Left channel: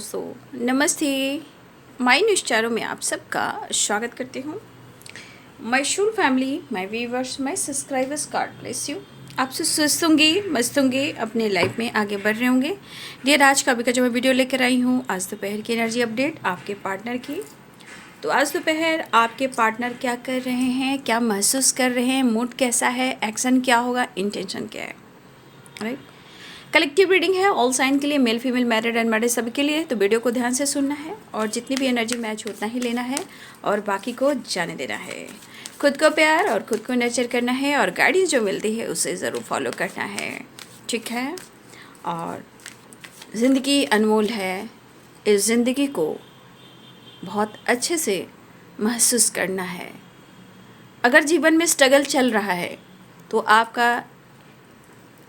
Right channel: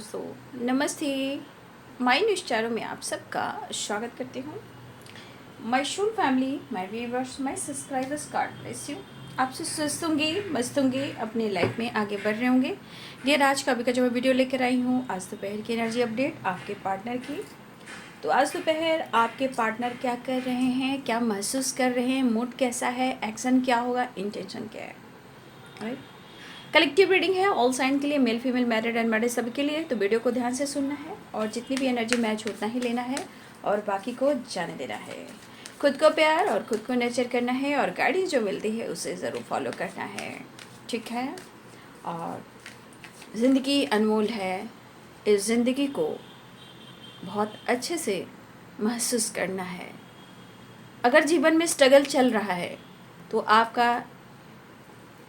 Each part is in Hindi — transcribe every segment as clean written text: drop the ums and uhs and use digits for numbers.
दोस्तों, नमस्ते। माय न्यूज़ चारों में आप सबका स्वागत करती हूँ। My Shool family, my viewers, my subscribers, God bless you. आपसे स्वस्थ होंगे, मस्त होंगे, अपने लाइफ में आगे बढ़ रहे होंगे। डियर, आज का अभी का जो मैं वीडियो लेकर आई हूँ, आज दोपहर की एनर्जी अपडेट आपके पार्टनर की। तो आज दोपहर आपके पार्टनर क्या कर रहे हैं, क्या महसूस कर रहे हैं, मूड कैसा है, एक्शन क्या होगा, इंटेंशन क्या है, राइट। कलेक्टिव रीडिंग है ऑल साइन के लिए, मेल फीमेल मैरिड अनमैरिड सभी के लिए। तो वीडियो को ध्यान से सुनना है और जितनी भी एनर्जी मैच हो उतना ही लेना है और बाकी को जाने देना है। खुद को प्यार और खुद को नर्चर करना है और गाइडेंस जो मिलती है उसे ज़रूर फॉलो करना है, ठीक है। और ज़िंदगी अनमोल है, इस ज़िंदगी को बहुत अच्छे से महसूस करना है। अगर जीवन में स्ट्रगल चल रहा है तो आपका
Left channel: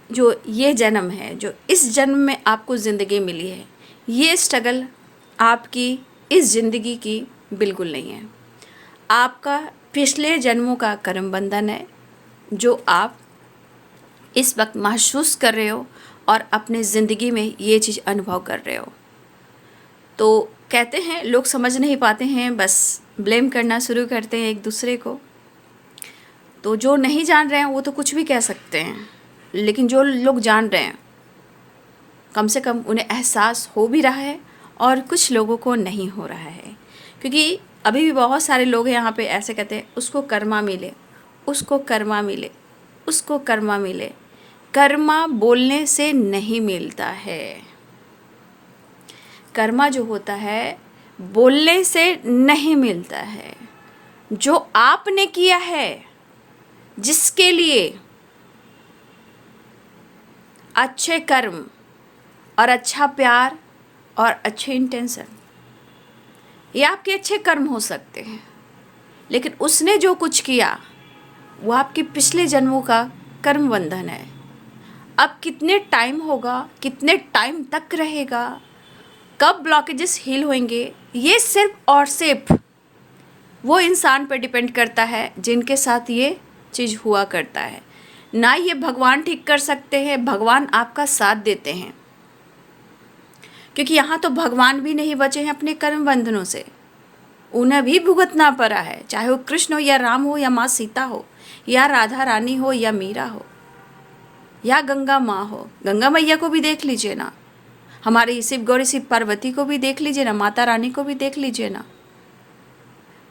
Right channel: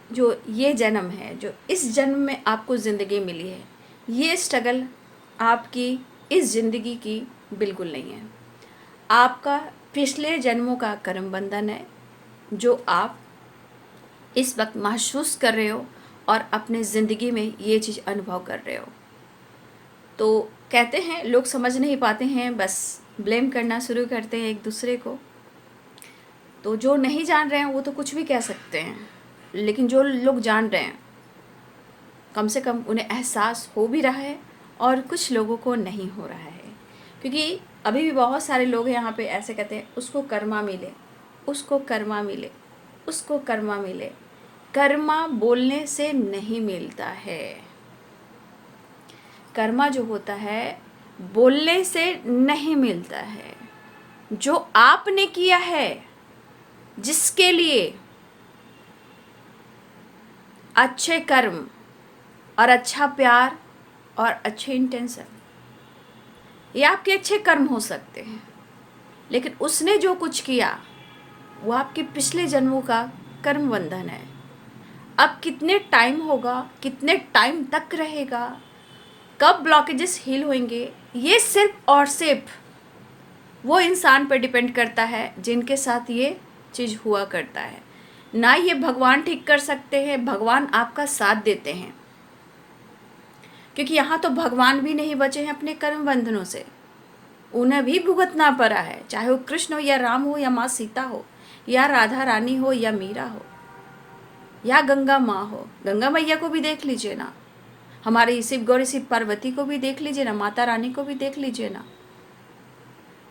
जो ये जन्म है, जो इस जन्म में आपको ज़िंदगी मिली है, ये स्ट्रगल आपकी इस ज़िंदगी की बिल्कुल नहीं है। आपका पिछले जन्मों का कर्म बंधन है जो आप इस वक्त महसूस कर रहे हो और अपने ज़िंदगी में ये चीज़ अनुभव कर रहे हो। तो कहते हैं लोग समझ नहीं पाते हैं, बस ब्लेम करना शुरू करते हैं एक दूसरे को। तो जो नहीं जान रहे हैं वो तो कुछ भी कह सकते हैं, लेकिन जो लोग जान रहे हैं कम से कम उन्हें एहसास हो भी रहा है और कुछ लोगों को नहीं हो रहा है। क्योंकि अभी भी बहुत सारे लोग हैं यहाँ पे ऐसे कहते हैं, उसको कर्मा मिले, उसको कर्मा मिले, उसको कर्मा मिले। कर्मा बोलने से नहीं मिलता है। कर्मा जो होता है बोलने से नहीं मिलता है। जो आपने किया है, जिसके लिए अच्छे कर्म और अच्छा प्यार और अच्छे इंटेंशन, ये आपके अच्छे कर्म हो सकते हैं, लेकिन उसने जो कुछ किया वो आपके पिछले जन्मों का कर्म बंधन है। अब कितने टाइम होगा, कितने टाइम तक रहेगा, कब ब्लॉकेजेस हील होंगे, ये सिर्फ और सिर्फ वो इंसान पर डिपेंड करता है जिनके साथ ये चीज़ हुआ करता है। ना ये भगवान ठीक कर सकते हैं, भगवान आपका साथ देते हैं, क्योंकि यहाँ तो भगवान भी नहीं बचे हैं अपने कर्म बंधनों से। उन्हें भी भुगतना पड़ा है, चाहे वो कृष्ण हो या राम हो या माँ सीता हो या राधा रानी हो या मीरा हो या गंगा माँ हो। गंगा मैया को भी देख लीजिए ना, हमारे शिव गौरी शिव पार्वती को भी देख लीजिए ना, माता रानी को भी देख लीजिए ना।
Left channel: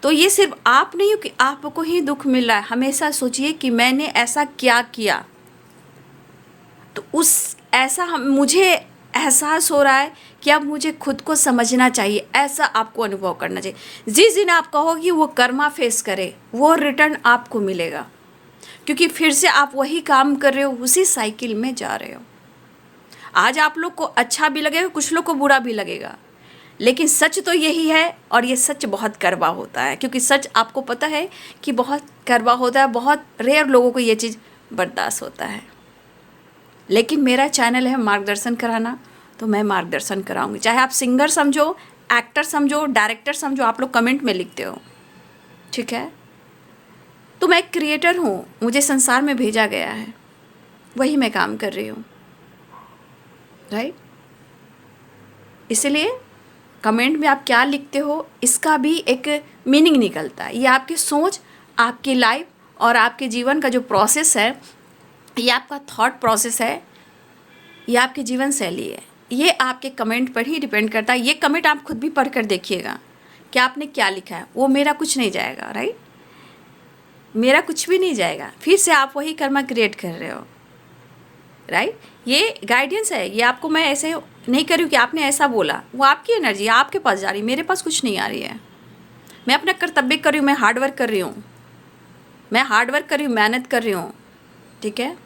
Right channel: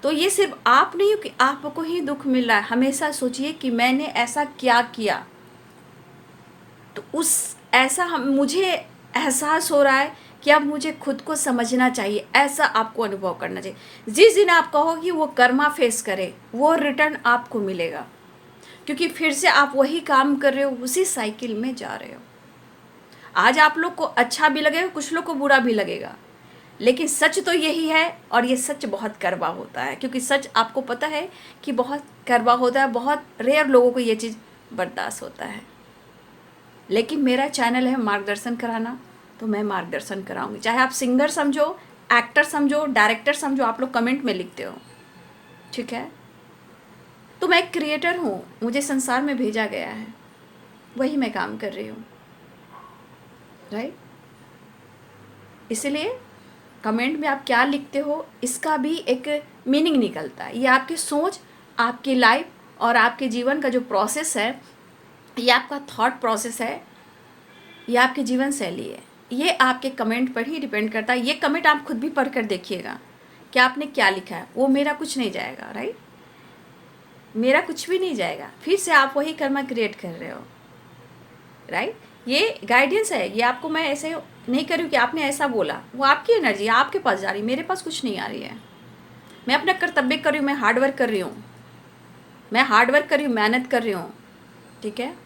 तो ये सिर्फ आप नहीं हो कि आपको ही दुख मिल रहा है। हमेशा सोचिए कि मैंने ऐसा क्या किया, तो उस ऐसा मुझे एहसास हो रहा है कि अब मुझे खुद को समझना चाहिए, ऐसा आपको अनुभव करना चाहिए। जिस दिन आप कहो कि वो कर्मा फेस करे, वो रिटर्न आपको मिलेगा, क्योंकि फिर से आप वही काम कर रहे हो, उसी साइकिल में जा रहे हो। आज आप लोग को अच्छा भी लगेगा, कुछ लोग को बुरा भी लगेगा, लेकिन सच तो यही है। और ये सच बहुत कड़वा होता है, क्योंकि सच आपको पता है कि बहुत कड़वा होता है। बहुत रेयर लोगों को ये चीज़ बर्दाश्त होता है। लेकिन मेरा चैनल है मार्गदर्शन कराना, तो मैं मार्गदर्शन कराऊंगी। चाहे आप सिंगर समझो, एक्टर समझो, डायरेक्टर समझो, आप लोग कमेंट में लिखते हो, ठीक है। तो मैं एक क्रिएटर हूँ, मुझे संसार में भेजा गया है, वही मैं काम कर रही हूँ, राइट। इसलिए कमेंट में आप क्या लिखते हो इसका भी एक मीनिंग निकलता है। ये आपकी सोच, आपकी लाइफ और आपके जीवन का जो प्रोसेस है, ये आपका थॉट प्रोसेस है, ये आपकी जीवन शैली है। ये आपके कमेंट पर ही डिपेंड करता है। ये कमेंट आप खुद भी पढ़ कर देखिएगा कि आपने क्या लिखा है। वो मेरा कुछ नहीं जाएगा, राइट, मेरा कुछ भी नहीं जाएगा। फिर से आप वही कर्मा क्रिएट कर रहे हो, राइट। ये गाइडेंस है, ये आपको मैं ऐसे नहीं कर रही हूँ कि आपने ऐसा बोला। वो आपकी एनर्जी आपके पास जा रही है, मेरे पास कुछ नहीं आ रही है। मैं अपना कर्तव्य कर रही हूँ, मैं हार्डवर्क कर रही हूँ, मैं हार्डवर्क कर रही हूँ, मेहनत कर रही हूँ, ठीक है।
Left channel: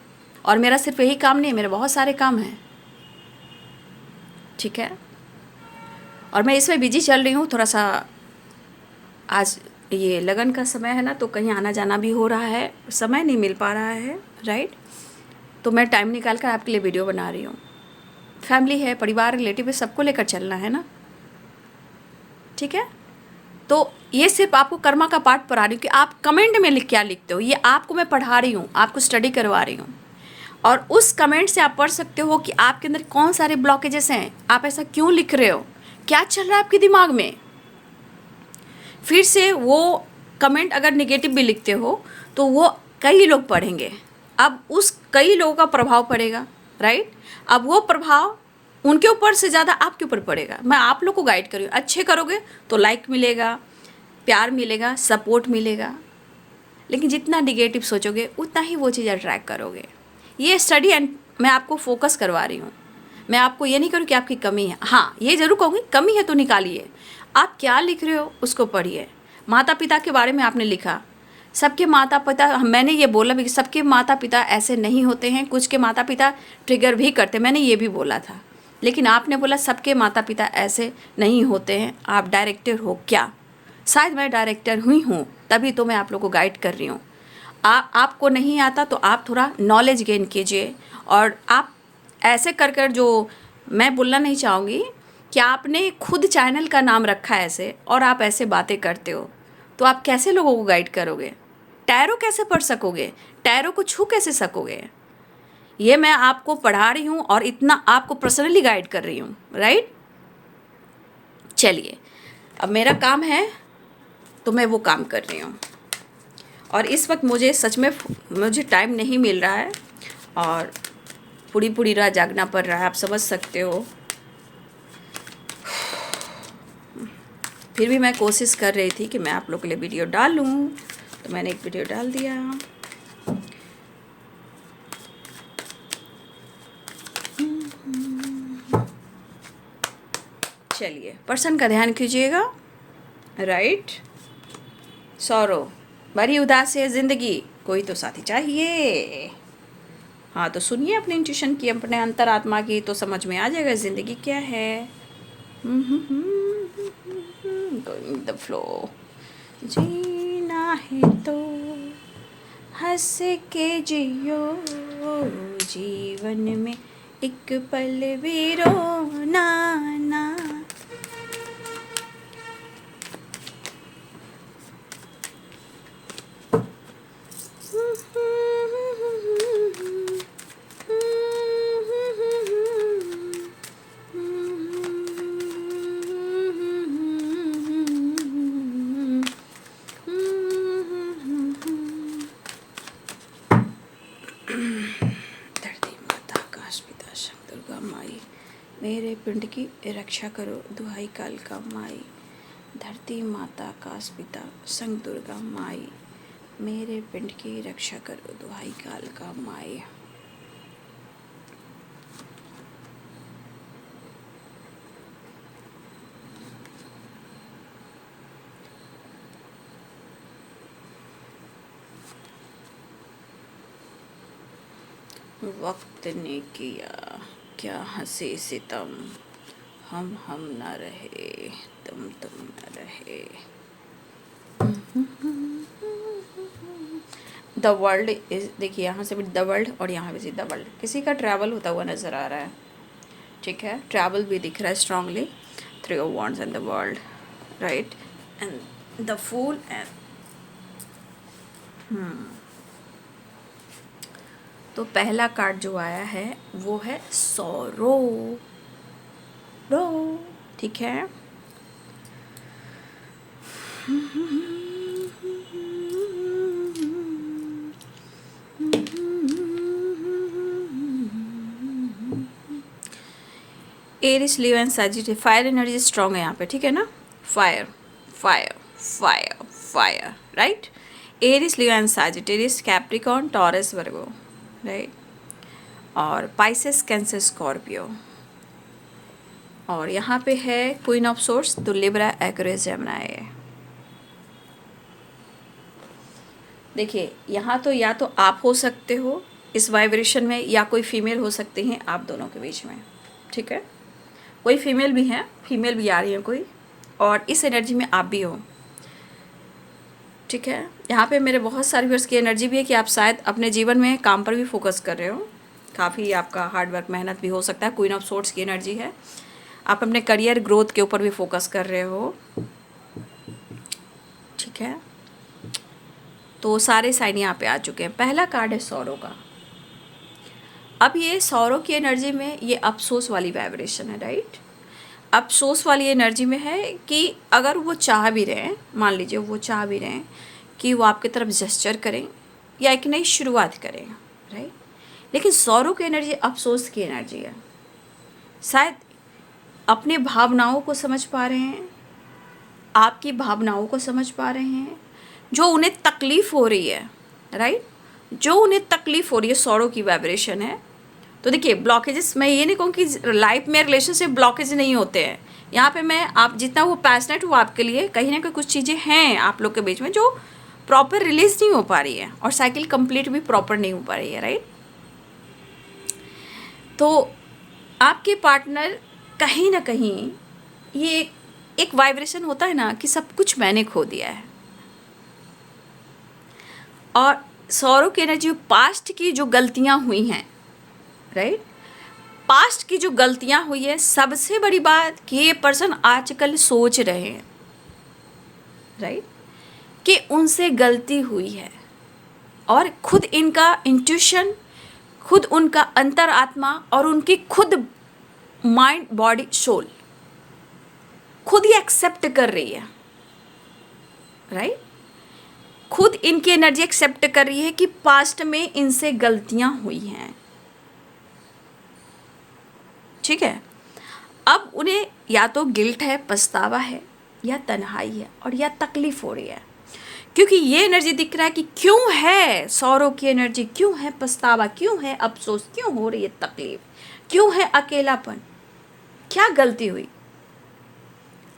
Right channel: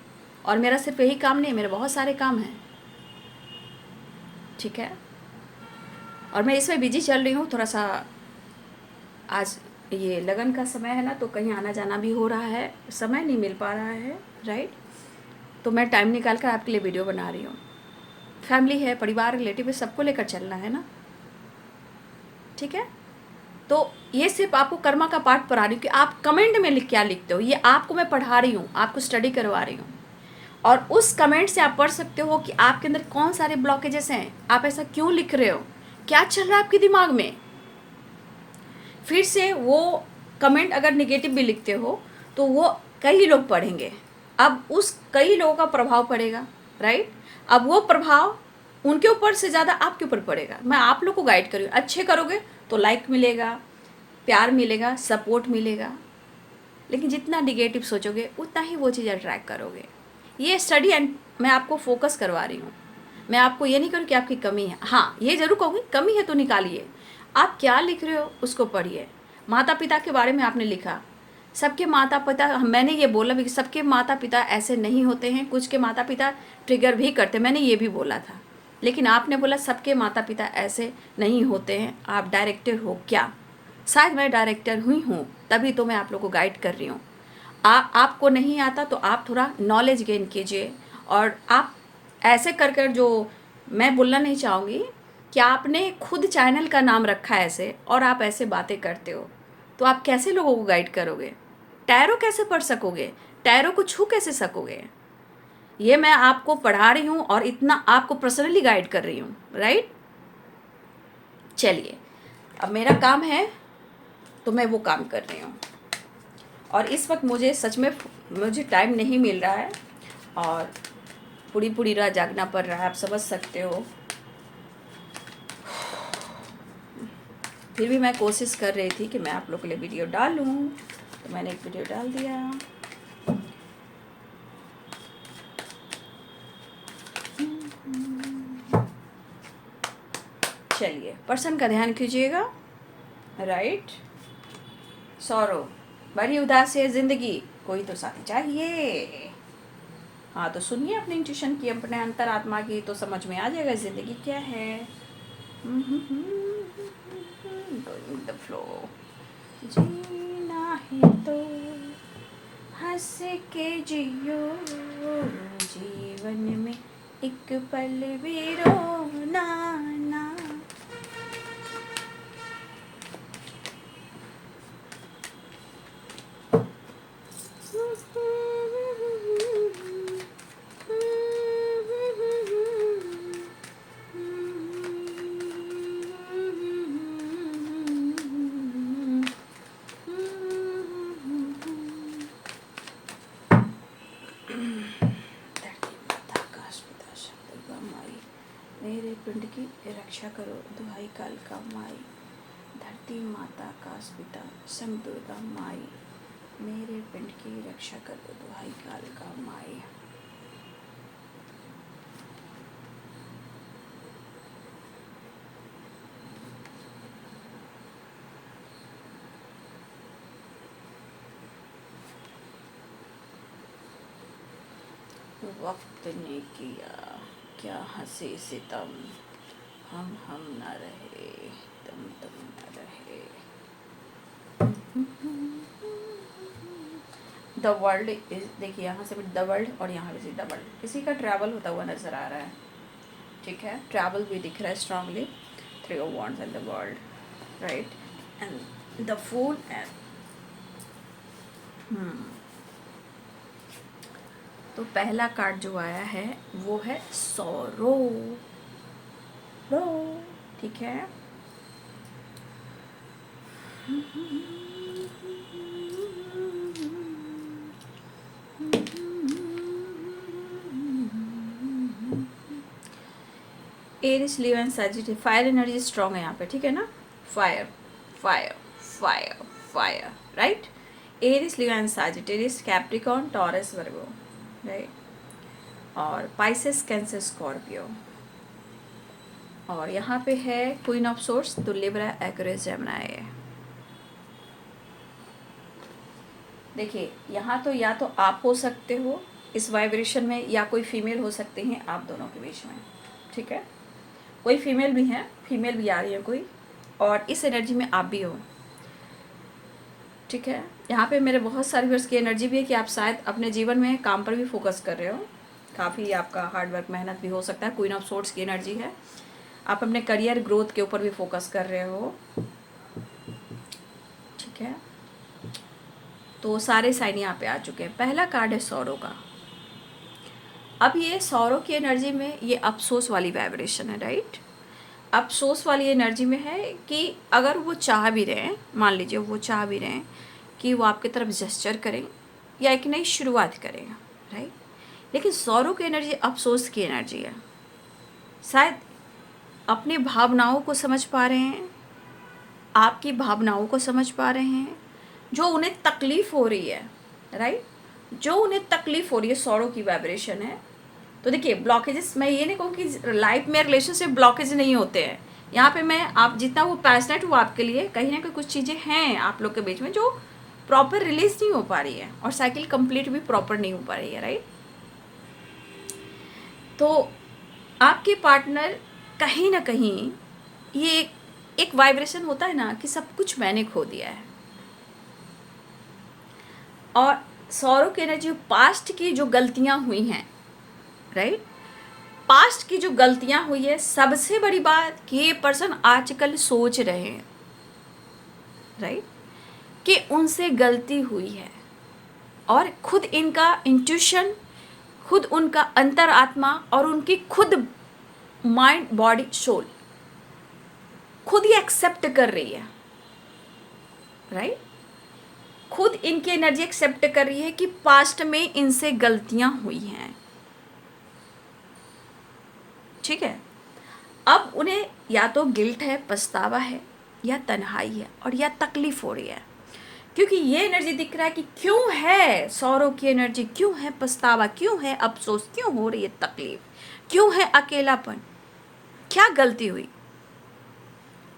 और मेरा सिर्फ यही काम नहीं है, मेरे बहुत सारे काम हैं, ठीक है। और मैं इसमें बिजी चल रही हूँ थोड़ा सा। आज ये लगन का समय है ना, तो कहीं आना जाना भी हो रहा है, समय नहीं मिल पा रहा है, राइट। तो मैं टाइम निकाल कर आपके लिए वीडियो बना रही हूँ। फैमिली है, परिवार, रिलेटिव है, सबको लेकर चलना है ना, ठीक है। तो ये सिर्फ आपको कर्मा का पार्ट पढ़ा रही हूँ कि आप कमेंट में क्या लिखते हो, ये आपको मैं पढ़ा रही हूँ, आपको स्टडी करवा रही हूँ। और उस कमेंट से आप पढ़ सकते हो कि आपके अंदर कौन सारे ब्लॉकेजेस हैं, आप ऐसा क्यों लिख रहे हो, क्या चल रहा है आपके दिमाग में। फिर से वो कमेंट अगर नेगेटिव भी लिखते हो तो वो कई लोग पढ़ेंगे, अब उस कई लोगों का प्रभाव पड़ेगा, राइट। अब वो प्रभाव उनके ऊपर से ज़्यादा आपके ऊपर पड़ेगा। मैं आप लोग को गाइड करूँ, अच्छे करोगे तो लाइक मिलेगा, प्यार मिलेगा, सपोर्ट मिलेगा, लेकिन जितना निगेटिव सोचोगे उतना ही वो चीज़ अट्रैक्ट करोगे। ये स्टडी एंड मैं आपको फोकस करवा रही हूँ। मैं आपको ये नहीं करूँ कि आपकी कमी है, हाँ ये ज़रूर कहूँगी कमी है तो निकालिए। आप क्या लिख रहे हो उसको पढ़िए। माता पिता के बारे में आपने लिखा, सबके माता पिता, मैंने ये बोला भी कि सबके माता पिता ऐसे नहीं होते हैं, कुछ के माता पिता ट्रिगर भी करते, मैंने ये भी बोला था। लेकिन आपने बोला सबके माता पिता ऐसे नहीं होते हैं, आप डायरेक्टर हो क्या। शायद मैं डायरेक्टर हुई हूँ, तभी तो मैं आप लोग को गाइड कर रही हूँ। आपको नहीं आता तो आप थोड़ा नॉलेज गेन कीजिए। और आप ऐसे कर कर, जो मैं बोलना नहीं चाहूँगी कि आपने खुद चैनल का नाम रखा है ऐसे और आप ऐसे बातें करते हो, तो आप कैसे लोगों को गाइड करोगे। टैरो कैसे पढ़ सकोगे, टैरो को छू कैसे सकोगे। ये मैं आपको पढ़ा रही हूँ और इतना आपको पर्सनली गाइड कर रही हूँ, राइट। चलिए, अब मेरा काम है तो मैं वो काम कर रही हूँ। और इस वक्त मुझे सच में मुझे टाइम नहीं मिल रहा है और पूरी पूरी रात जागना पड़ रहा है, आप समझ सकते हो। फिर भी मैं कोशिश कर रही थी कि मैं आप लोग के लिए वीडियो डालूं, तो मैंने एक वीडियो डाल दिया। चलिए, पर्सन का ध्यान कीजिएगा, राइट। सौरो, बड़ी उदास है ज़िंदगी, कोई तो साथी चाहिए। हाँ तो सुनिए अपने इंट्यूशन की, अपने अंतरात्मा की, तो समझ में आ जाएगा ज़िंदगी क्या है। गोइंग द फ्लो, जीना है तो हंस के जियो, जीवन में एक पल भी रोना ना। मेरे पिंड की रक्षा करो, दुहाई काल का माई। धरती माता आकाश पिता संग दुर्गा माई, मेरे पिंड की रक्षा करो, दुहाई काल का माई। वक्त ने किया क्या हंसी सितम, हम न रहे, तुम न रहे। द वर्ल्ड इज, देखिए यहाँ से भी द वर्ल्ड और यहाँ पे द वर्ल्ड, किसी का ट्रैवल होता हुआ नज़र आ रहा है, ठीक है। ट्रैवल भी दिख रहा है strongly, 3 of Wands and the world, right, and the fool and तो पहला कार्ड जो आया है वो है सॉरो, रो, ठीक है। Aries, Leo and Sagittarius, fire energy strong है यहाँ पे, ठीक है ना। Fire fire fire fire, right. Aries, Leo and Sagittarius, Capricorn, Taurus, Virgo, right. और पाइसेस, कैंसर, स्कॉर्पियो। और यहाँ पे है क्वीन ऑफ सोर्स, तो लिब्रा, एक्वेरियस, जेमिनी। देखिए यहाँ तो या तो आप हो सकते हो इस वाइब्रेशन में, या कोई फीमेल हो सकते हैं आप दोनों के बीच में, ठीक है। कोई फीमेल भी है, फीमेल भी आ रही है कोई, और इस एनर्जी में आप भी हो, ठीक है। यहाँ पे मेरे बहुत सारे व्यूअर्स की एनर्जी भी है कि आप शायद अपने जीवन में काम पर भी फोकस कर रहे हो, काफ़ी आपका हार्डवर्क मेहनत भी हो सकता है। क्वीन ऑफ सोर्ड्स की एनर्जी है, आप अपने करियर ग्रोथ के ऊपर भी फोकस कर रहे हो, ठीक है। तो सारे साइन यहाँ पे आ चुके हैं। पहला कार्ड है सौरों का। अब ये सौरों की एनर्जी में ये अफसोस वाली वाइब्रेशन है, राइट। अफसोस वाली एनर्जी में है कि अगर वो चाह भी रहे हैं, मान लीजिए वो चाह भी रहे हैं कि वो आपकी तरफ जेस्चर करें या एक नई शुरुआत करें, राइट, लेकिन सौरों की एनर्जी अफसोस की एनर्जी है। शायद अपनी भावनाओं को समझ पा रहे हैं, आपकी भावनाओं को समझ पा रहे हैं, जो उन्हें तकलीफ़ हो रही है, राइट, जो उन्हें तकलीफ़ हो रही है, सौरों की वाइब्रेशन है। तो देखिए ब्लॉकेजेस, मैं ये नहीं कहूँ कि लाइफ में रिलेशनशिप ब्लॉकेज नहीं होते हैं। यहाँ पे मैं आप जितना वो पैशनेट हो आपके लिए, कहीं ना कहीं कुछ चीज़ें हैं आप लोग के बीच में जो प्रॉपर रिलीज नहीं हो पा रही है और साइकिल कंप्लीट भी प्रॉपर नहीं हो पा रही है, राइट। तो आपके पार्टनर कहीं ना कहीं ये एक वाइब्रेशन होता है ना कि सब कुछ मैंने खो दिया है। और सौरों की एनर्जी पास्ट की जो गलतियां हुई हैं, राइट, पास्ट की जो गलतियां हुई है, सबसे बड़ी बात कि ये पर्सन आजकल सोच रहे हैं, राइट, कि उनसे गलती हुई है और खुद इनका इंट्यूशन, खुद उनका अंतरात्मा और उनकी खुद माइंड बॉडी सोल खुद ही एक्सेप्ट कर रही है, राइट, खुद इनकी एनर्जी एक्सेप्ट कर रही है कि पास्ट में इनसे गलतियां हुई हैं, ठीक है। अब उन्हें या तो गिल्ट है, पछतावा है, या तन्हाई है, और या तकलीफ हो रही है, क्योंकि ये एनर्जी दिख रहा है कि क्यों है सौरों की एनर्जी, क्यों है पछतावा, क्यों है अफसोस, क्यों हो रही है तकलीफ, क्यों है अकेलापन, क्या गलती हुई।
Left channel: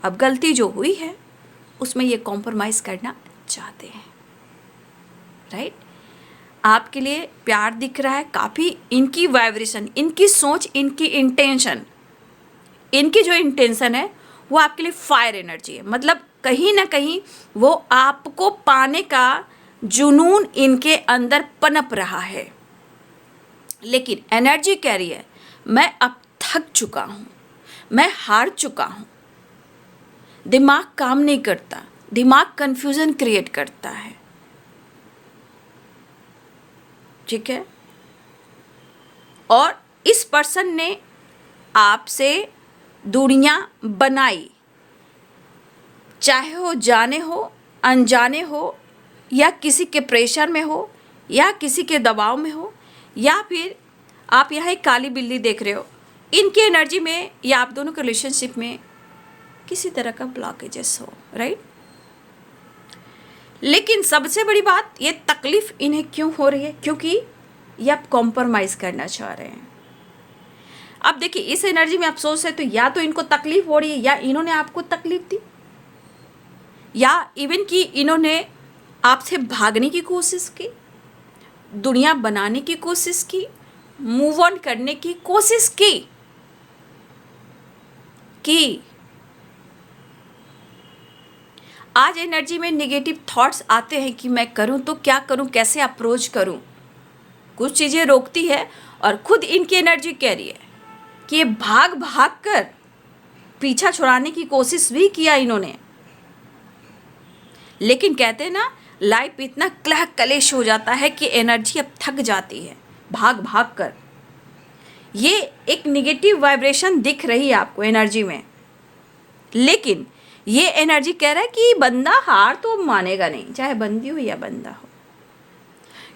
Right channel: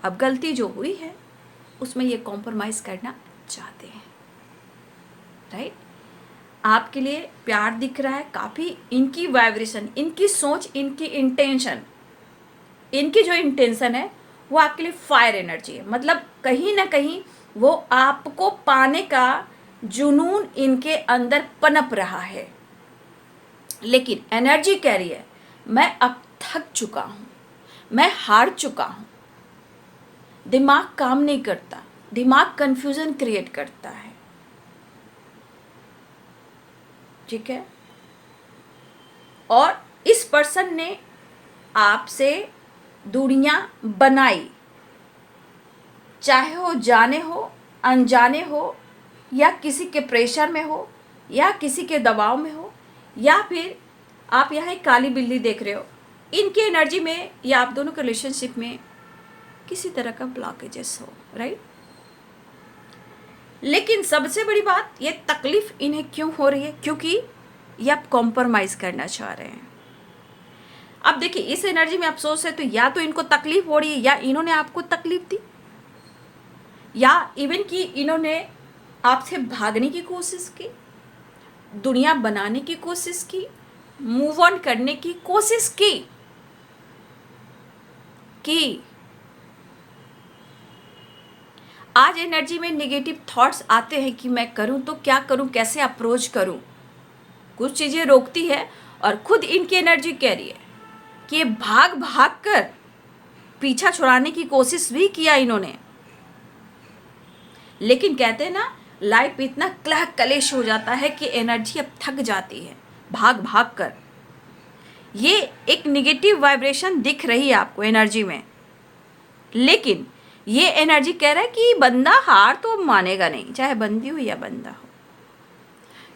अब गलती जो हुई है उसमें ये कॉम्प्रोमाइज़ करना चाहते हैं, राइट। आपके लिए प्यार दिख रहा है काफ़ी, इनकी वाइब्रेशन, इनकी सोच, इनकी इंटेंशन, इनकी जो इंटेंशन है वो आपके लिए फायर एनर्जी है। मतलब कहीं ना कहीं वो आपको पाने का जुनून इनके अंदर पनप रहा है, लेकिन एनर्जी कह रही है मैं अब थक चुका हूँ, मैं हार चुका हूँ, दिमाग काम नहीं करता, दिमाग कंफ्यूजन क्रिएट करता है, ठीक है। और इस पर्सन ने आपसे दूरियां बनाई, चाहे वो जाने हो, अनजाने हो, या किसी के प्रेशर में हो, या किसी के दबाव में हो, या फिर आप यहाँ एक काली बिल्ली देख रहे हो, इनकी एनर्जी में या आप दोनों के रिलेशनशिप में किसी तरह का ब्लॉकेजेस हो, राइट। लेकिन सबसे बड़ी बात, ये तकलीफ इन्हें क्यों हो रही है, क्योंकि ये आप कॉम्प्रोमाइज़ करना चाह रहे हैं। अब देखिए इस एनर्जी में अफसोस है, तो या तो इनको तकलीफ हो रही है, या इन्होंने आपको तकलीफ दी, या इवन कि इन्होंने आपसे भागने की कोशिश की, दुनिया बनाने की कोशिश की, मूव ऑन करने की कोशिश की आज एनर्जी में नेगेटिव थॉट्स आते हैं कि मैं करूं तो क्या करूं, कैसे अप्रोच करूं, कुछ चीज़ें रोकती है। और खुद इनकी एनर्जी कह रही है कि ये भाग भाग कर पीछा छुड़ाने की कोशिश भी किया इन्होंने, लेकिन कहते हैं ना लाइफ इतना क्लह कलेश हो जाता है कि एनर्जी अब थक जाती है भाग भाग कर। ये एक निगेटिव वाइब्रेशन दिख रही है आपको एनर्जी में, लेकिन ये एनर्जी कह रहा है कि बंदा हार तो मानेगा नहीं, चाहे बंदी हो या बंदा हो,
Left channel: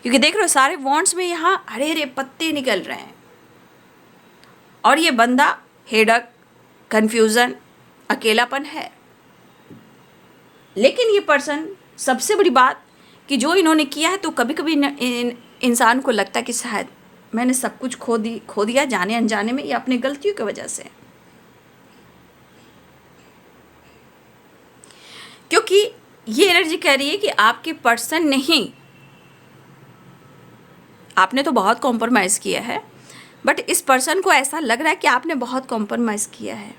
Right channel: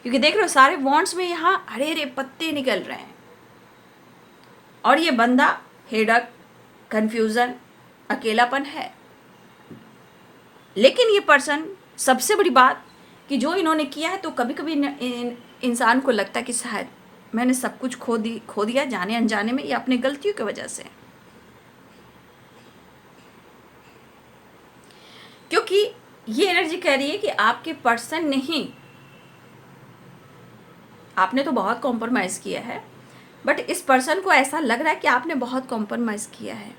क्योंकि देख रहे हो सारे वॉन्ट्स में यहाँ हरे हरे पत्ते निकल रहे हैं, और ये बंदा हेडक, कन्फ्यूज़न, अकेलापन है। लेकिन ये पर्सन, सबसे बड़ी बात कि जो इन्होंने किया है, तो कभी कभी इंसान को लगता है कि शायद मैंने सब कुछ खो दिया जाने अनजाने में, या अपनी गलतियों की वजह से, क्योंकि ये एनर्जी कह रही है कि आपके पर्सन नहीं, आपने तो बहुत कॉम्प्रोमाइज़ किया है, बट इस पर्सन को ऐसा लग रहा है कि आपने बहुत कॉम्प्रोमाइज़ किया है।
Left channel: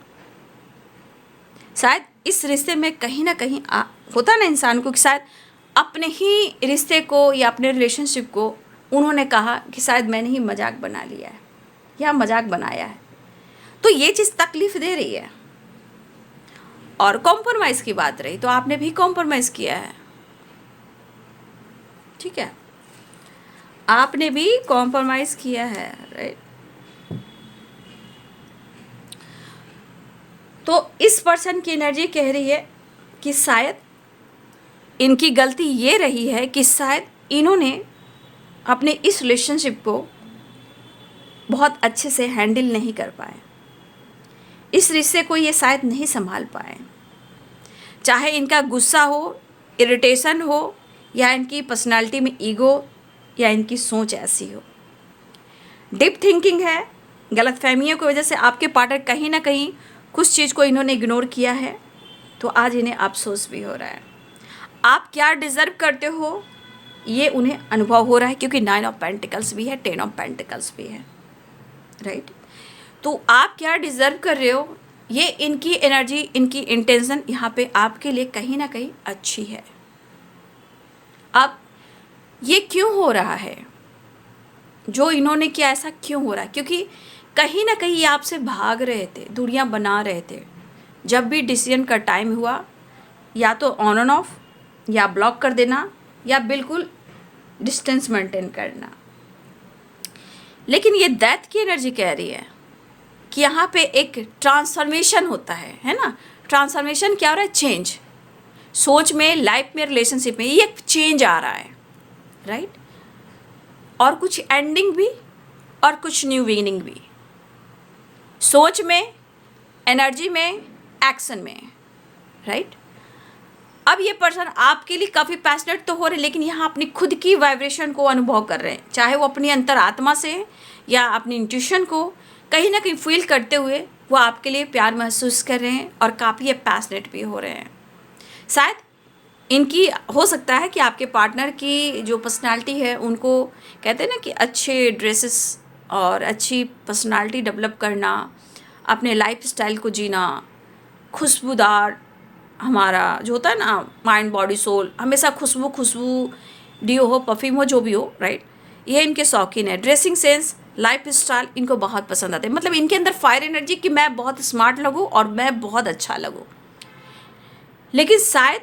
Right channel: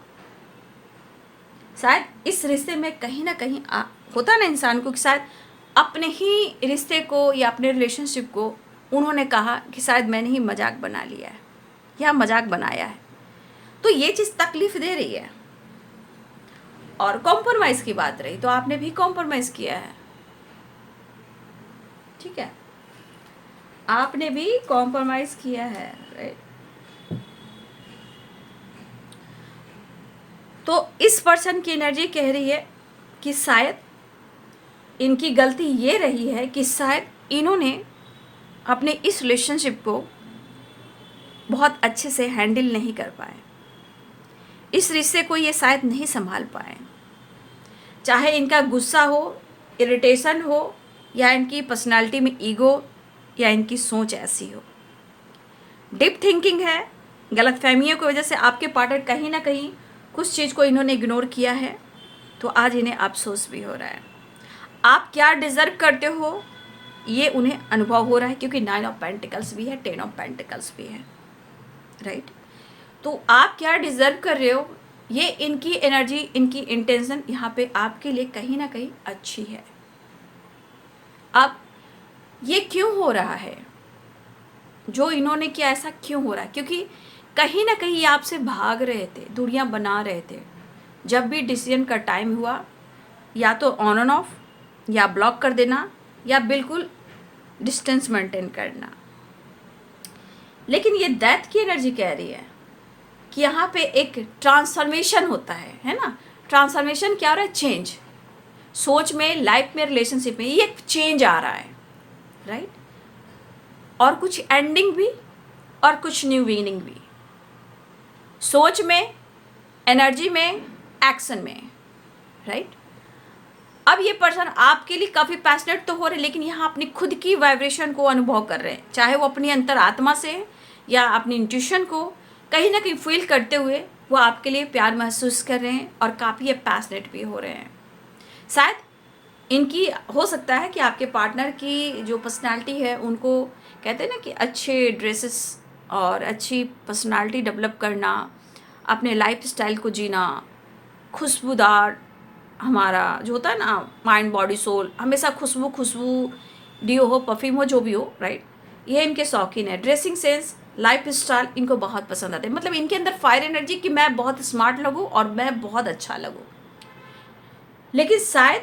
शायद इस रिश्ते में कहीं ना कहीं होता ना इंसान को कि शायद अपने ही रिश्ते को या अपने रिलेशनशिप को उन्होंने कहा कि शायद मैंने ही मजाक बना लिया है या मजाक बनाया है, तो ये चीज़ तकलीफ दे रही है। और कॉम्प्रोमाइज़ की बात रही तो आपने भी कॉम्प्रोमाइज़ किया है, ठीक है, आपने भी कॉम्प्रोमाइज़ किया है, राइट। तो इस पर्सन की एनर्जी कह रही है कि शायद इनकी गलती ये रही है कि शायद इन्होंने अपने इस रिलेशनशिप को बहुत अच्छे से हैंडल नहीं कर पाए, इस रिश्ते को ये शायद नहीं संभाल पाए। चाहे इनका गुस्सा हो, इरिटेशन हो, या इनकी पर्सनालिटी में ईगो, या इनकी सोच ऐसी हो, डीप थिंकिंग है, गलतफहमियों की वजह से आपके पार्टनर कहीं ना कहीं कुछ चीज़ को इन्होंने इग्नोर किया है, तो आज इन्हें अफसोस भी हो रहा है। आप क्या डिज़र्व करते हो ये उन्हें अनुभव हो रहा है, क्योंकि 9 ऑफ पेंटिकल्स भी है, 10 ऑफ पेंटिकल्स भी है, राइट। तो आप क्या डिज़र्व कर रहे हो, ये इनकी एनर्जी, इनकी इंटेंशन यहाँ पे आपके लिए कहीं ना कहीं अच्छी है। अब ये क्यों हो रहा है, जो इन्होंने किया ऐसा क्यों हो रहा है? क्योंकि कहीं ना कहीं ये आपसे भाग रहे थे, दूरियां बना रहे थे। जब भी डिसीजन का टाइम हुआ, या तो ऑन एंड ऑफ, या ब्लॉक कर देना, या बिल्कुल डिस्टेंस मेंटेन करना। लेकिन ये डेथ की एनर्जी कह रही है कि यहाँ पे एक ट्रांसफॉर्मेशन होता है ना। ट्रांसफॉर्मेशन क्या हो रहा है? चेंज। सोच में, लाइफ में, रिलेशनशिप में ये चेंज आ रहा है, राइट। और कुछ एंडिंग भी और कुछ न्यू बिगिनिंग भी, सोच में, एनर्जी में, एक्शन में, राइट। अब ये पर्सन आपके लिए काफ़ी पैशनेट तो हो रहे हैं, लेकिन यहाँ अपनी खुद की वाइब्रेशन को अनुभव कर रहे हैं, चाहे वो अपनी अंतरात्मा से या अपनी इंट्यूशन को कहीं ना कहीं फील करते हुए वो आपके लिए प्यार महसूस कर रहे हैं और काफ़ी पैशनेट भी हो रहे हैं। शायद इनकी हो सकता है कि आपके पार्टनर की जो पर्सनालिटी है, उनको कहते हैं ना कि अच्छे ड्रेसेस और अच्छी पर्सनालिटी डेवलप करना, अपने लाइफ स्टाइल को जीना, खुशबूदार, हमारा जो होता है ना माइंड बॉडी सोल, हमेशा खुशबू डियो हो, परफ्यूम हो, जो भी हो, राइट। ये इनके शौकीन है। ड्रेसिंग सेंस, लाइफ स्टाइल इनको बहुत पसंद आते हैं। मतलब इनके अंदर फायर एनर्जी कि मैं बहुत स्मार्ट लगूँ और मैं बहुत अच्छा लगूँ। लेकिन शायद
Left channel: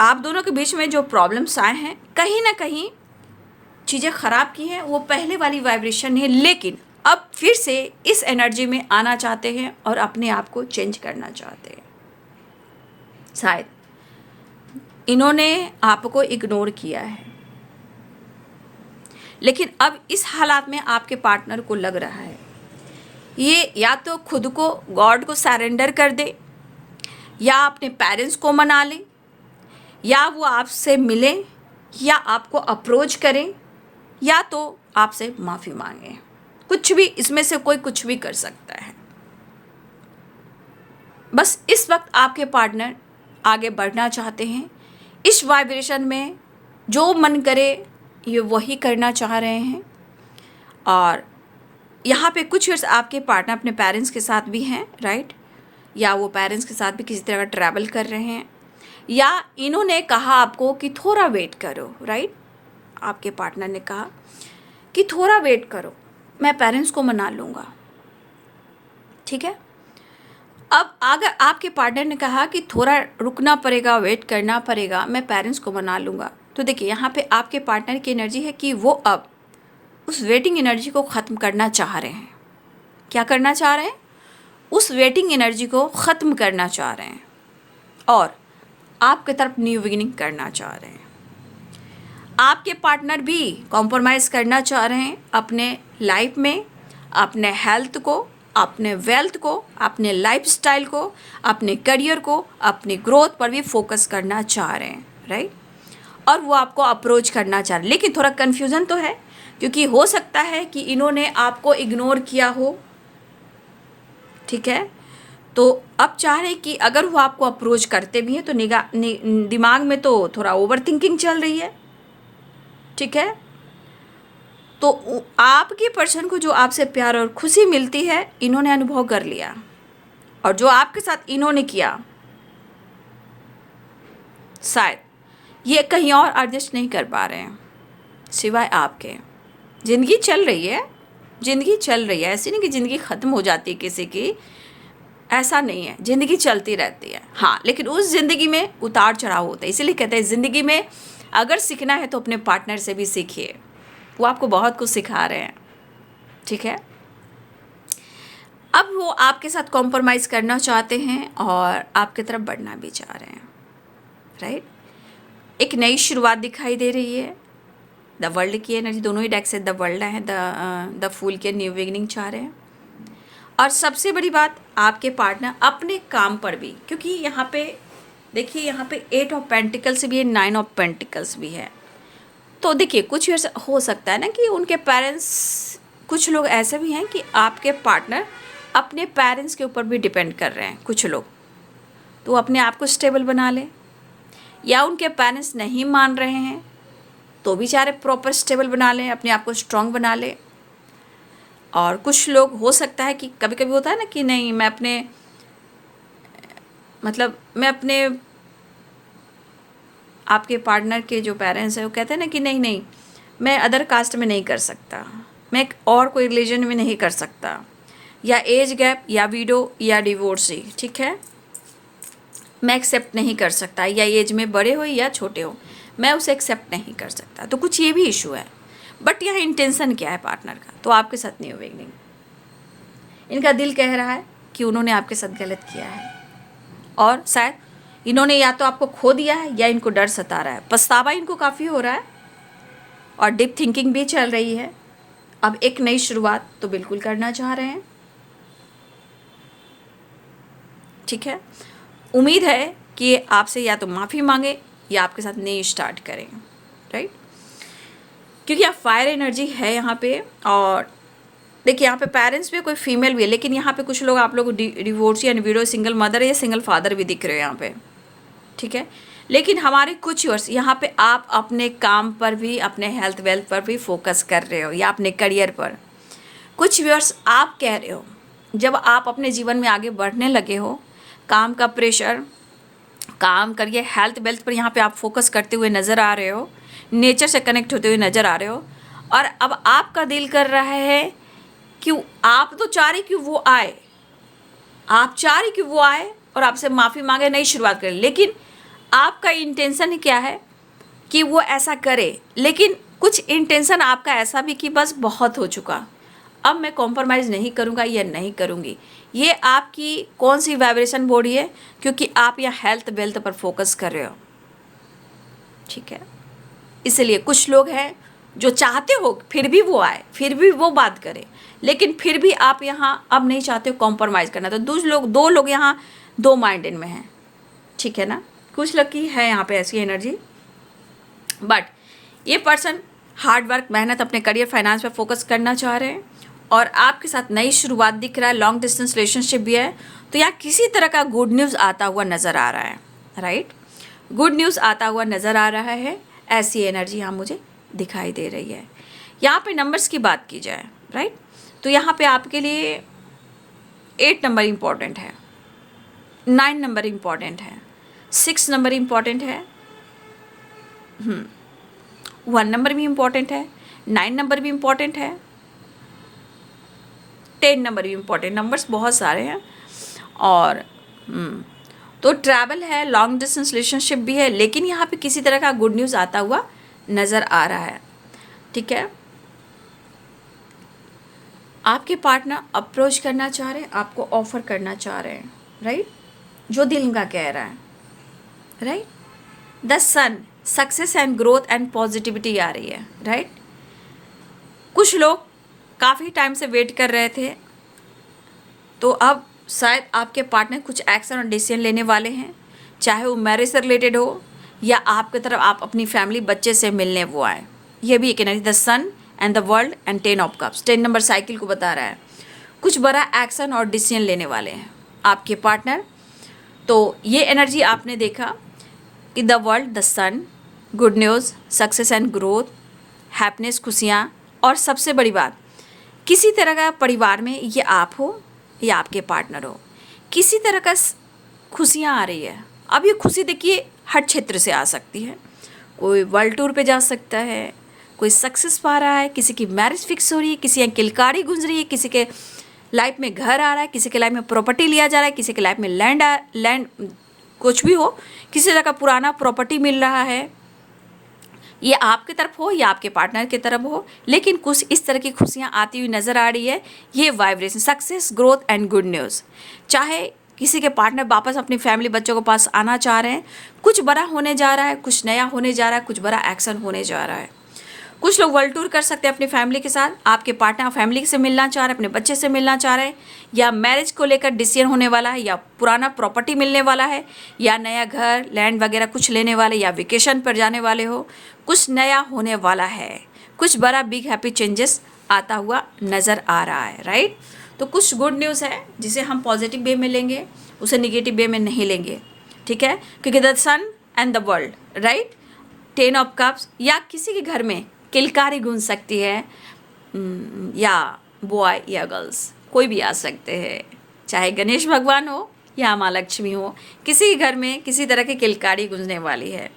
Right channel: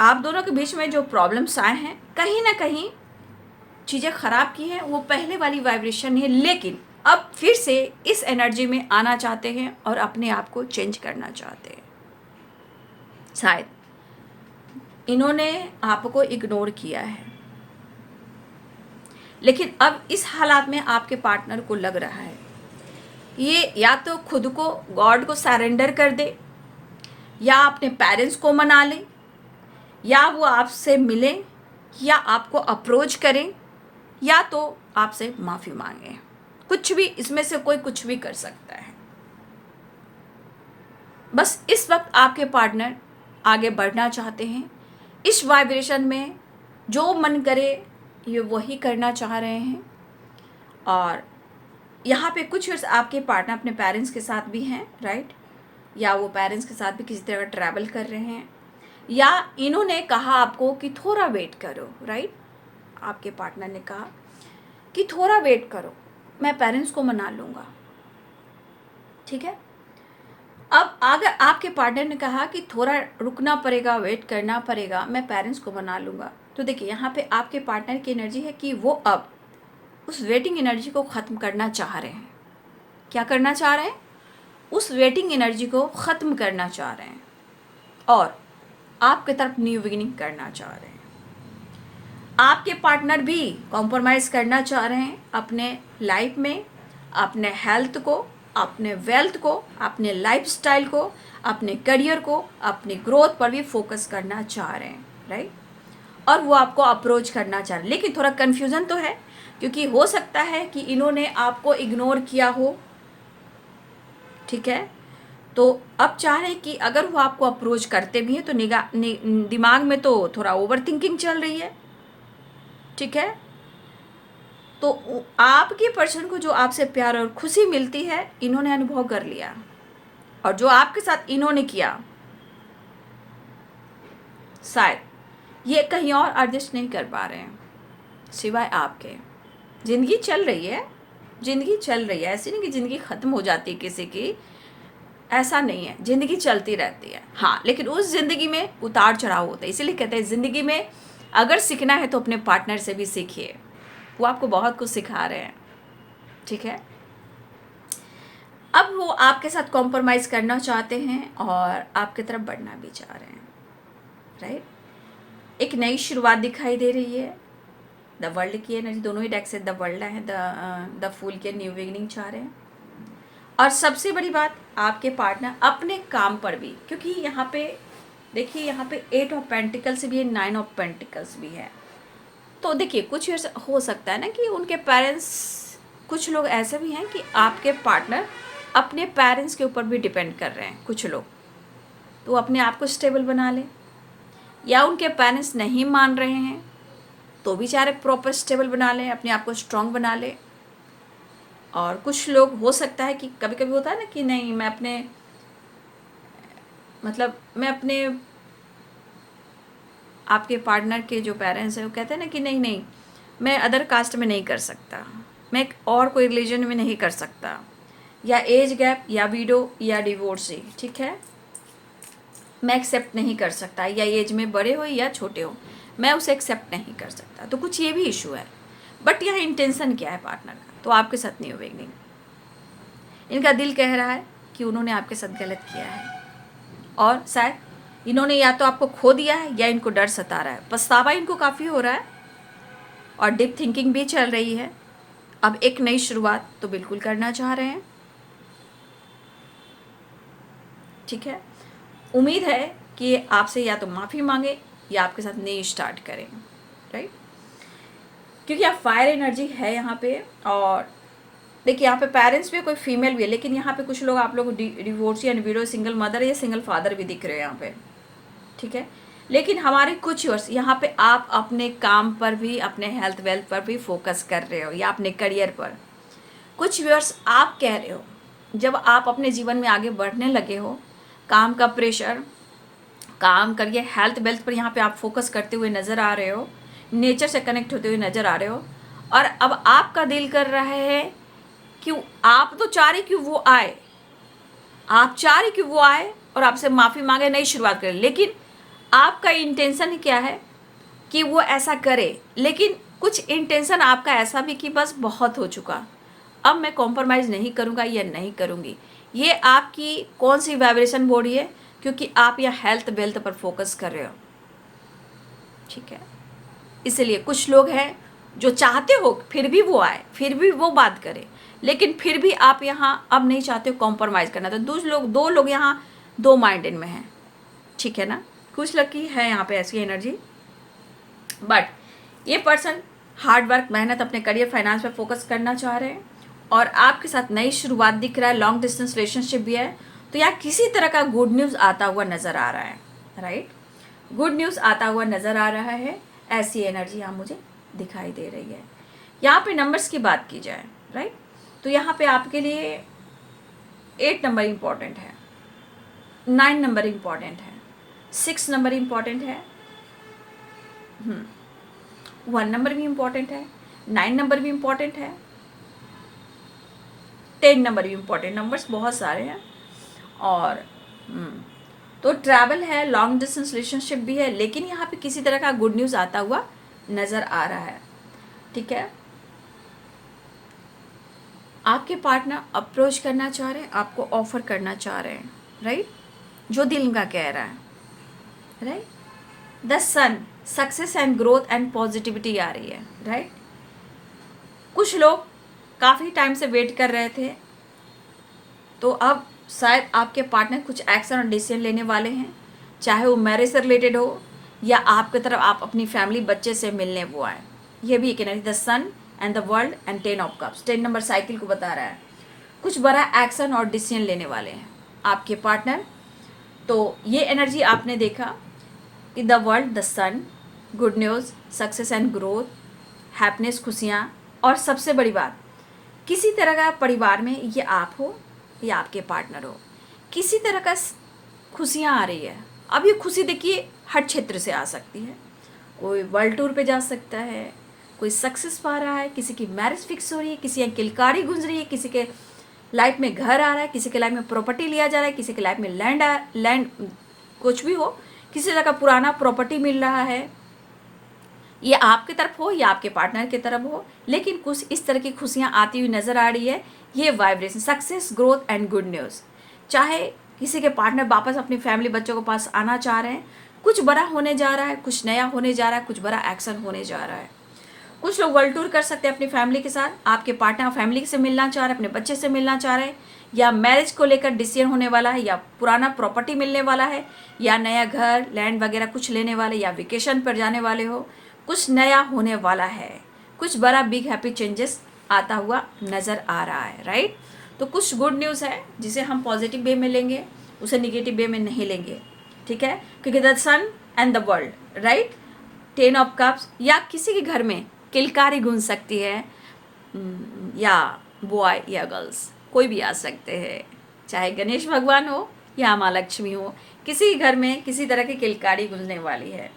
आप दोनों के बीच में जो प्रॉब्लम्स आए हैं, कहीं ना कहीं चीज़ें ख़राब की हैं, वो पहले वाली वाइब्रेशन है, लेकिन अब फिर से इस एनर्जी में आना चाहते हैं और अपने आप को चेंज करना चाहते हैं। शायद इन्होंने आपको इग्नोर किया है, लेकिन अब इस हालात में आपके पार्टनर को लग रहा है ये या तो खुद को गॉड को सरेंडर कर दे, या अपने पेरेंट्स को मना ले, या वो आपसे मिले, या आपको अप्रोच करें, या तो आपसे माफ़ी मांगे। कुछ भी इसमें से कोई कुछ भी कर सकता है। बस इस वक्त आपके पार्टनर आगे बढ़ना चाहते हैं, इस वाइब्रेशन में जो मन करे ये वही करना चाह रहे हैं। और यहाँ पे कुछ इयर्स आपके पार्टनर अपने पेरेंट्स के साथ भी हैं, राइट, या वो पेरेंट्स के साथ भी किसी तरह का ट्रैवल कर रहे हैं, या इन्होंने कहा आपको कि थोड़ा वेट करो, राइट। आपके पार्टनर ने कहा कि थोड़ा वेट करो, मैं पेरेंट्स को मना लूँगा, ठीक है। अब अगर आपके पार्टनर ने कहा कि थोड़ा रुकना पड़ेगा, वेट करना पड़ेगा, मैं पेरेंट्स को मना लूँगा, तो देखिए यहाँ पे आपके पार्टनर की एनर्जी है कि वो अब उस वेटिंग एनर्जी को ख़त्म करना चाह रहे हैं। क्या करना चाह रहे हैं? उस वेटिंग एनर्जी को ख़त्म करना चाह रहे हैं और आपके तरफ न्यू बिगिनिंग करना चाह रहे हैं। आपके पार्टनर भी कॉम्प्रोमाइज़ करना चाह रहे हैं अपने लाइफ में, अपने हेल्थ को, अपने वेल्थ को, अपने लाइफस्टाइल को, अपने करियर को, अपने ग्रोथ पर भी फोकस करना चाह रहे हैं, राइट। और वो आपको अप्रोच करना चाह रहे हैं, लेकिन थोड़ा कन्फ्यूज़न तो है, क्योंकि हो सकता है कि इन्होंने आपको इग्नोर किया हो, ठीक है। तो अब चाह रहे हैं कि अगर वो आपको अप्रोच करते भी हैं तो दिमाग में तो थोड़ा ओवर थिंकिंग चल रही है, ठीक है। तो आपके पर्सन को जो आपसे प्यार और खुशी मिलती है इन्होंने अनुभव कर लिया, और जो आपके साथ इन्होंने किया शायद ये कहीं और एडजस्ट नहीं कर पा रहे हैं सिवाय आपके। ज़िंदगी चल रही है, ज़िंदगी चल रही है, ऐसी नहीं कि ज़िंदगी ख़त्म हो जाती है किसी की, ऐसा नहीं है, ज़िंदगी चलती रहती है। हाँ, लेकिन उस ज़िंदगी में उतार चढ़ाव होते हैं, इसीलिए कहते हैं ज़िंदगी में अगर सीखना है तो अपने पार्टनर से भी सीखिए, वो आपको बहुत कुछ सिखा रहे हैं, ठीक है। अब वो वो आपके साथ कॉम्प्रोमाइज़ करना चाहते हैं और आपकी तरफ बढ़ना भी चाह रहे हैं, राइट। एक नई शुरुआत दिखाई दे रही है। द वर्ल्ड की एनर्जी, दोनों ही डेक से द वर्ल्ड है, द फूल के न्यू बिगिनिंग चाह रहे हैं। और सबसे बड़ी बात, आपके पार्टनर अपने काम पर भी, क्योंकि यहाँ पे देखिए, यहाँ पे 8 ऑफ पेंटिकल्स भी है, 9 ऑफ पेंटिकल्स भी है। तो देखिए, कुछ ऐसा हो सकता है ना कि उनके पेरेंट्स, कुछ लोग ऐसे भी हैं कि आपके पार्टनर अपने पेरेंट्स के ऊपर भी डिपेंड कर रहे हैं कुछ लोग, तो अपने आप को स्टेबल बना लें, या उनके पेरेंट्स नहीं मान रहे हैं तो भी चाहे प्रॉपर स्टेबल बना लें, अपने आप को स्ट्रॉन्ग बना लें। और कुछ लोग हो सकता है कि कभी कभी होता है ना कि नहीं, मैं अपने आपके पार्टनर के जो पेरेंट्स हैं वो कहते हैं ना कि नहीं नहीं, मैं अदर कास्ट में नहीं कर सकता, मैं एक और कोई रिलीजन में नहीं कर सकता, या एज गैप, या विडो, या डिवोर्सी, ठीक है, मैं एक्सेप्ट नहीं कर सकता, या एज में बड़े हो या छोटे हो, मैं उसे एक्सेप्ट नहीं कर सकता। तो कुछ ये भी इशू है। बट यह इंटेंशन क्या है पार्टनर का, तो आपके साथ नहीं होगी। इनका दिल कह रहा है कि उन्होंने आपके साथ गलत किया है, और शायद इन्होंने या तो आपको खो दिया है या इनको डर सता रहा है, पछतावा इनको काफ़ी हो रहा है, और डीप थिंकिंग भी चल रही है। अब एक नई शुरुआत तो बिल्कुल करना चाह रहे हैं, ठीक है। उम्मीद है कि आपसे या तो माफ़ी मांगे या आपके साथ नई स्टार्ट करें, राइट, क्योंकि आप फायर एनर्जी है यहाँ पे। और देखिए, यहाँ पे पेरेंट्स भी कोई फीमेल भी है, लेकिन यहाँ पे कुछ लोग, आप लोग divorcee and window, single mother या सिंगल फादर भी दिख रहे हो यहाँ पे, ठीक है। लेकिन हमारे कुछ वर्ष यहाँ पे आप अपने काम पर भी, अपने हेल्थ वेल्थ पर भी फोकस कर रहे हो, या अपने करियर पर। कुछ वर्ष आप कह रहे हो, जब आप अपने जीवन में आगे बढ़ने लगे हो, काम का प्रेशर, काम करिए, हेल्थ वेल्थ पर यहाँ पे आप फोकस करते हुए नज़र आ रहे हो, नेचर से कनेक्ट होते हुए नज़र आ रहे हो, और अब आपका दिल कर रहा है कि आप तो चाह रहे कि वो आए, आप चाह रहे कि वो आए और आपसे माफ़ी मांगे, नई शुरुआत करें। लेकिन आपका इंटेंशन क्या है कि वो ऐसा करे, लेकिन कुछ इंटेंशन आपका ऐसा भी कि बस बहुत हो चुका, अब मैं कॉम्प्रोमाइज़ नहीं करूँगा या नहीं करूँगी। ये आपकी कौन सी वाइब्रेशन बॉडी है, क्योंकि आप यह हेल्थ वेल्थ पर फोकस कर रहे हो, ठीक है। इसलिए कुछ लोग हैं जो चाहते हो फिर भी वो आए, फिर भी वो बात करे, लेकिन फिर भी आप यहाँ अब नहीं चाहते हो कॉम्प्रोमाइज़ करना। तो दो लोग यहाँ दो माइंडेड में हैं, ठीक है ना। कुछ लोग की है यहाँ पे ऐसी एनर्जी, बट ये पर्सन हार्ड वर्क, मेहनत, अपने करियर, फाइनेंस पे फोकस करना चाह रहे हैं, और आपके साथ नई शुरुआत दिख रहा है। लॉन्ग डिस्टेंस रिलेशनशिप भी है, तो यहाँ किसी तरह का गुड न्यूज़ आता हुआ नज़र आ रहा है, राइट, गुड न्यूज़ आता हुआ नज़र आ रहा है। ऐसी एनर्जी यहाँ मुझे दिखाई दे रही है। यहाँ पे नंबर्स की बात की जाए, राइट, तो यहाँ पे आपके लिए 8 नंबर इम्पॉर्टेंट है, 9 नंबर इम्पॉर्टेंट है, 6 नंबर इम्पॉर्टेंट है, 1 नंबर भी इम्पॉर्टेंट है, 9 नंबर भी इम्पॉर्टेंट है, 10 नंबर भी इम्पॉर्टेंट। नंबर्स बहुत सारे हैं। और तो ट्रैवल है, लॉन्ग डिस्टेंस रिलेशनशिप भी है, लेकिन यहाँ पे किसी तरह का गुड न्यूज़ आता हुआ नज़र आ रहा है, ठीक है। आपके पार्टनर अप्रोच करना चाह रहे हैं, आपको ऑफर करना चाह रहे हैं, राइट, जो दिल का कह रहा है, right. The sun, success and growth and positivity आ रही है, राइट। कुछ लोग काफ़ी टाइम से वेट कर रहे थे, तो अब शायद आपके पार्टनर कुछ एक्शन और डिसीजन लेने वाले हैं, चाहे वो मैरिज से रिलेटेड हो या आपकी तरफ आप अपनी फैमिली, बच्चे से मिलने वो आए। ये भी एक energy, the sun and the world and 10 of cups, 10 number cycle को बता रहा है। कुछ बड़ा एक्शन और डिसीजन लेने वाले हैं आपके पार्टनर। तो ये एनर्जी आपने देखा कि the world, the sun, good news, success and growth, happiness, खुशियाँ, और सबसे बड़ी बात, किसी तरह का परिवार में ये आप हो या आपके पार्टनर हो, किसी तरह का खुशियाँ आ रही है। अब ये खुशी देखिए हर क्षेत्र से आ सकती है, कोई वर्ल्ड टूर पे जा सकता है, कोई सक्सेस पा रहा है, किसी की मैरिज फिक्स हो रही है, किसी की किलकारी गुंज रही है, किसी के लाइफ में घर आ रहा है, किसी के लाइफ में प्रॉपर्टी लिया जा रहा है, किसी के लाइफ में लैंड कुछ भी हो, किसी तरह का पुराना प्रॉपर्टी मिल रहा है, ये आपकी तरफ हो या आपके पार्टनर की तरफ हो, लेकिन कुछ इस तरह की खुशियाँ आती हुई नज़र आ रही है। ये vibration, success, growth and good news. चाहे किसी के पार्टनर वापस अपनी फैमिली बच्चों के पास आना चाह रहे हैं, कुछ बड़ा होने जा रहा है, कुछ नया होने जा रहा है, कुछ बड़ा एक्शन होने जा रहा है। कुछ लोग वर्ल्ड टूर कर सकते हैं अपनी फैमिली के साथ। आपके पार्टनर फैमिली से मिलना चाह रहे हैं, अपने बच्चे से मिलना चाह रहे हैं, या मैरिज को लेकर डिसीजन होने वाला है, या पुराना प्रॉपर्टी मिलने वाला है, या नया घर लैंड वगैरह कुछ लेने वाले, या वेकेशन पर जाने वाले हो। कुछ नया होने वाला है, कुछ बड़ा बिग हैप्पी चेंजेस आता हुआ नज़र आ रहा है, राइट। तो कुछ गुड न्यूज़ है जिसे हम पॉजिटिव वे में लेंगे, उसे निगेटिव वे में नहीं लेंगे, ठीक है। क्योंकि the sun and the world, right, 10 of cups, या किसी के घर में किलकारी गूंज सकती है, या बॉय या गर्ल्स कोई भी आ सकते हैं, चाहे गणेश भगवान हो या माँ लक्ष्मी हो, किसी घर में किसी तरह की किलकारी गूंजने वाली है।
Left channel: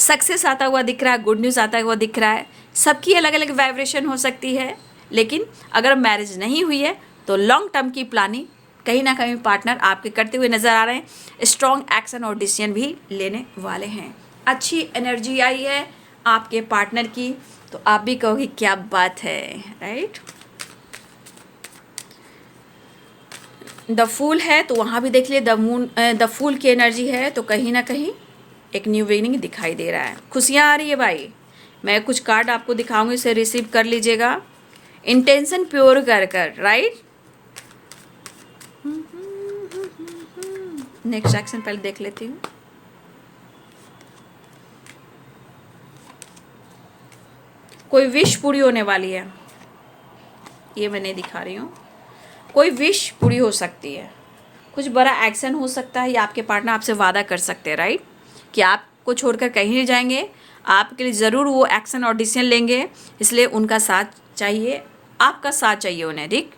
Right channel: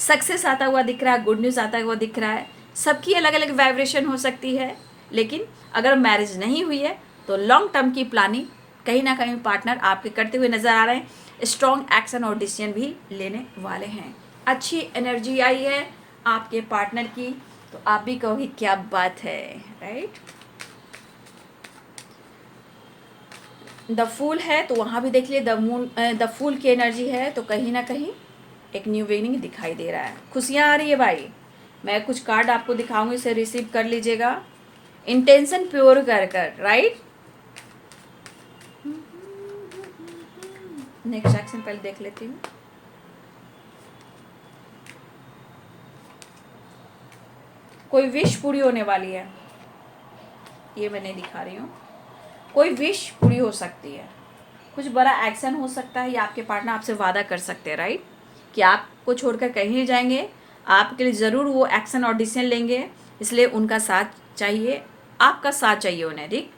सक्सेस आता हुआ दिख रहा है, गुड न्यूज़ आता हुआ दिख रहा है। सबकी अलग अलग वाइब्रेशन हो सकती है, लेकिन अगर मैरिज नहीं हुई है तो लॉन्ग टर्म की प्लानिंग कहीं ना कहीं पार्टनर आपके करते हुए नज़र आ रहे हैं। स्ट्रॉन्ग एक्शन और डिसीजन भी लेने वाले हैं। अच्छी एनर्जी आई है आपके पार्टनर की, तो आप भी कहोगे क्या बात है, राइट। द फूल है तो वहाँ भी देख लिए द फूल की एनर्जी है, तो कहीं ना कहीं एक न्यू बिगिनिंग दिखाई दे रहा है। खुशियाँ आ रही है भाई। मैं कुछ कार्ड आपको दिखाऊंगी, इसे रिसीव कर लीजिएगा। इंटेंशन प्योर कर कर, राइट। नेक्स्ट एक्शन पहले देख लेती हूँ। कोई विश पूरी होने वाली है, ये मैं नहीं दिखा रही हूँ। कोई विश पूरी हो सकती है, कुछ बड़ा एक्शन हो सकता है, या आपके पार्टनर आपसे वादा कर सकते हैं, राइट, कि आपको छोड़कर कहीं नहीं जाएंगे, आपके लिए ज़रूर वो एक्शन और डिसीजन लेंगे। इसलिए उनका साथ चाहिए, आपका साथ चाहिए उन्हें, ठीक।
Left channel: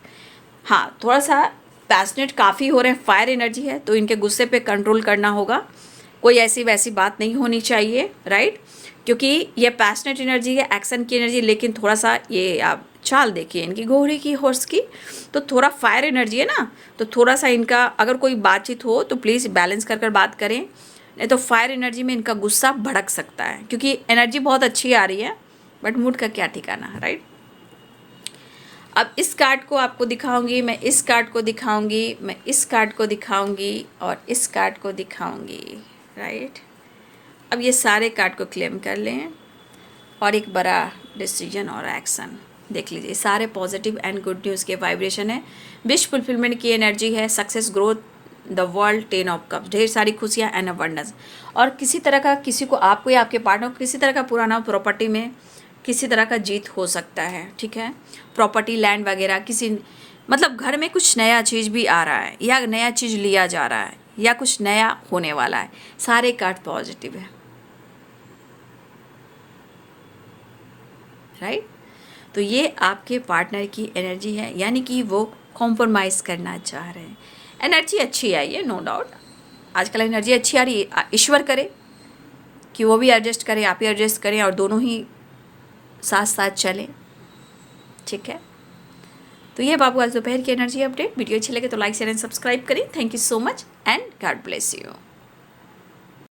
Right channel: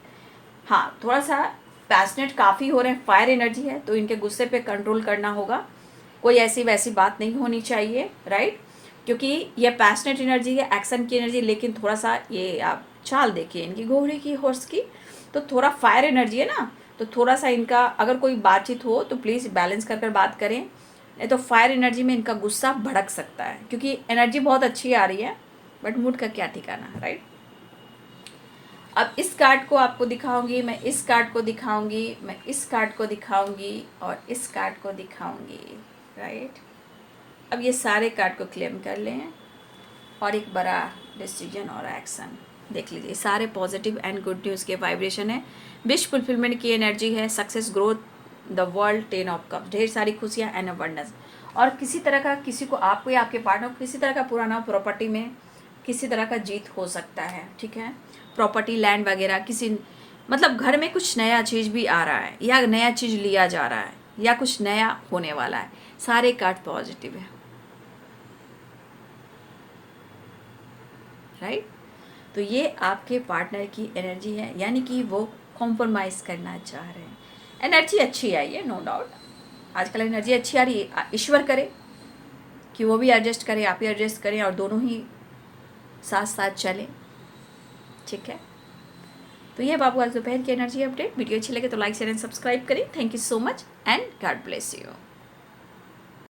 हाँ, थोड़ा सा पैशनेट काफ़ी हो रहे हैं, फायर एनर्जी है, तो इनके गुस्से पे कंट्रोल करना होगा। कोई ऐसी वैसी बात नहीं होनी चाहिए, राइट, क्योंकि ये पैशनेट एनर्जी है, एक्शन की एनर्जी, लेकिन थोड़ा सा ये आप चाल देखिए इनकी, घोड़े की, हॉर्स की, तो थोड़ा फायर एनर्जी है ना, तो थोड़ा सा इनका अगर कोई बातचीत हो तो प्लीज़ बैलेंस कर बात करें, नहीं तो फायर एनर्जी में इनका गुस्सा भड़क सकता है, क्योंकि एनर्जी बहुत अच्छी आ रही है, बट मूड का क्या ठिकाना, राइट। अब इस कार्ड को आपको दिखाऊंगी, मैं इस कार्ड को दिखाऊंगी, मैं इस कार्ड को दिखाऊंगी, और इस कार्ड को दिखाऊंगी, राइट। अब ये सारे कार्ड को क्लेम कर लें, और एक बड़ा डिसीजन और एक्शन देख लीजिए। सारे पॉजिटिव एंड गुड न्यूज़ के वाइब्रेशन है, विश फुलफिलमेंट की एनर्जी है, success, growth, the world, 10 of cups, ढेर सारी खुशियाँ एंड अबंडेंस। और किसी तरह का, किसी को, आपको या आपके पार्टनर को किसी तरह का पुराना प्रॉपर्टी में किसी तरह का जीत हो सकता है, ठीक है। प्रॉपर्टी, लैंड वगैरह, किसी मतलब घर में कुछ नया चीज़ भी आ रहा है, या नया चीज़ लिया जा रहा है, या कुछ नया होने वाला है। सारे कार्ड पॉजिटिव है, राइट। तो ये आपके पार्टनर की एनर्जी है, यानी कि वो कॉम्प्रोमाइज़ करना चाह रहे हैं। एनर्जी अच्छी आई है, नो डाउट। आजकल एनर्जी अच्छी आ रही है। ईश्वर करे कि वो भी एडजस्ट करें, आप भी एडजस्ट करें, और दोनों ही साथ साथ चलें, ठीक है। तो ये बाबू आज दोपहर की एनर्जी अपडेट। वीडियो अच्छी लगे तो लाइक शेयर एंड सब्सक्राइब करें। Thank you so much and God bless you.